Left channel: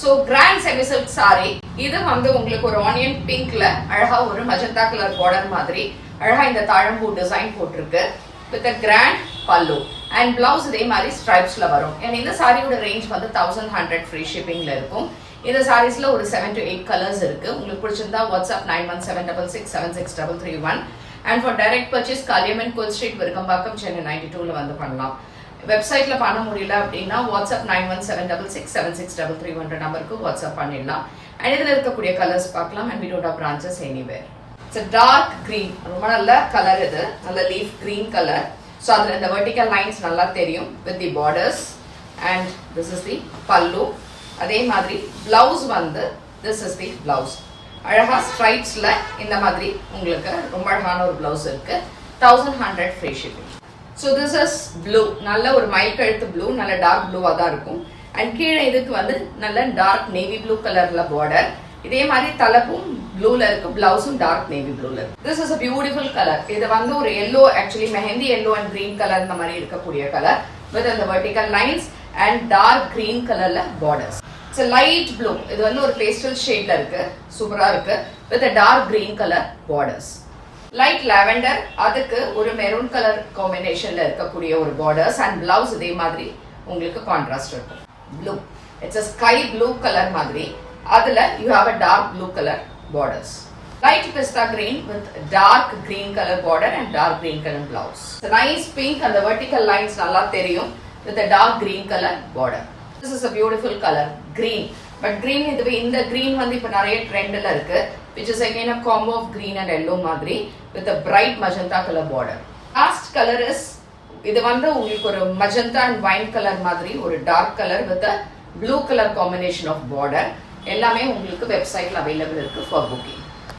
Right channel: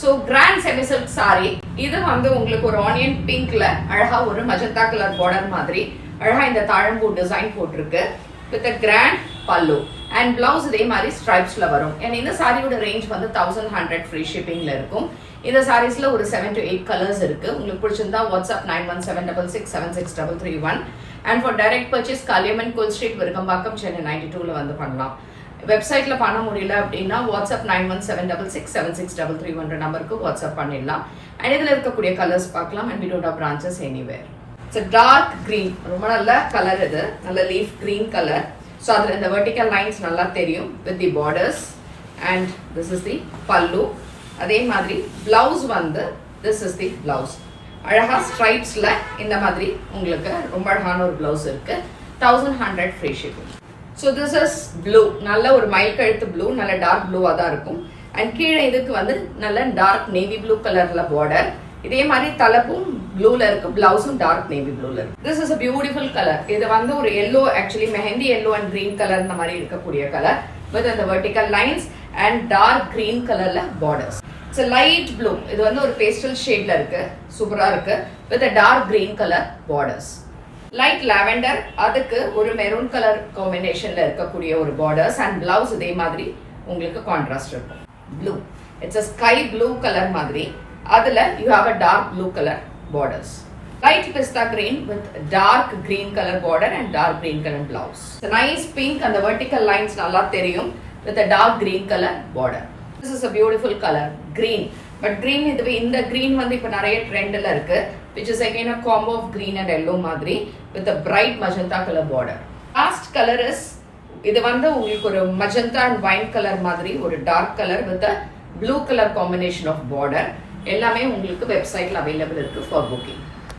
So grand semi silk sari இது வந்து உங்களுக்கு ஒரு ஆனியன் பிங்க்ல அழகா ஒரு மஜந்தா கலர் பார்டர் மாதிரி அழகா இந்த தாழம்பூ டிசைன் போட்டிருக்கு வித் கிராண்ட் பல்லு அண்ட் பிளவுஸ் இதே மாதிரி ஸ்ட்ரைப்ஸ்ல வரும். அண்ட் இந்த சாரியோட ரேஞ்ச் வந்து 1100 ஃப்ரீ ஷிப்பிங்ல இருக்கும். இந்த சாரீஸ்ல ஒரு 7 to 8 கலர்ஸ் இருக்கு. உங்களுக்கு பிடிச்சிருந்தா WhatsApp 9176663331 and for direct purchase Kaliamman கோயில் ஸ்ட்ரீட் விருகம்பாக்கம் சென்னை 92ல வந்து பண்ணலாம். வெப்சைட்ல பண்ண முடியல அப்படின்னா வாட்ஸ்அப் 9176663331 நம்பருக்கு வாட்ஸ்அப் பண்ணிடலாம். அண்ட் இதுல இருக்கக்கூடிய கலர்ஸ் பார்க்கலாம். And we don't have branches anywhere. It's a dark green, ரொம்ப நல்ல கலர் இது, நல்ல லீஃப் கிரீன் கலர். ஸோ அதுல இந்த வெர்டிக்கல் லைன்ஸ் நல்லா தெரியும் with the borders and this is the பல்லு. அதே மாதிரி பிளவுஸ் வந்து திஸ் இஸ் தி பிளவுஸ். அழகா ஸ்ட்ரைப்ஸ்ல இந்த மாதிரி உங்களுக்கு ரொம்ப அழகான ஒரு பிளவுஸ் இருக்கு. 1100 free shipping. So this is blue, நல்ல ஒரு மயில் கழுத்து ப்ளூ, நல்ல டார்க் ப்ளூவா தான் இருக்கும். அண்ட் கீழே இதுக்கு வந்து நல்ல டார்க் நேவி ப்ளூ கலர்ல பார்டர். இதே மாதிரி தலைப்பும் ப்ளூல இருக்கு, பிளவுஸும் டார்க் நேவி ப்ளூல இருக்கு. This is a beautiful colour. இது வந்து ஒரு yellow, actually mehndi yellow and green colour இந்த மாதிரி இருக்கக்கூடிய கலர் வித் அந்த vertical lines and dark green கலர்ல பார்டர்ஸ். இட்ஸ் லைட் ப்ளூ, இது வந்து ஒரு பேஸ்டல் ஷேட்ல இருக்கு, சூப்பரா இருக்கு with dark green colour borders. Light lavender, அதுக்கு ஒரு மெரூன் கலர் காம்பினேஷன்ல இருக்கக்கூடிய ஒரு பார்டர்ஸ் அண்ட் பிளவுஸ் இதே மாதிரி உங்களுக்கு கான்ட்ராஸ்ட் இருக்கும். Blue, it's a sky blue colour மாதிரி, அதுல you have a dark blue color borders. Light pista green with dark green color border and dark green color blouse. It's a nice pink and the vertical lines நல்லா தெரியும் with a dark green color border. This is a beautiful color, green. But green இதுவே இந்த green வந்து இப்ப நிறைய ட்ரெண்ட்ல இருக்கு, which is again a combo of green and yellow மாதிரி with a bright magenta color border. Last color is இது வந்து உங்களுக்கு ஒரு magenta and wine color மாதிரி ஒரு dark color with a blue color combination of border. எல்லாமே உங்களுக்கு வெப்சைட்ல அவைலபிள் இருக்கு ஃபார் புக்கிங்.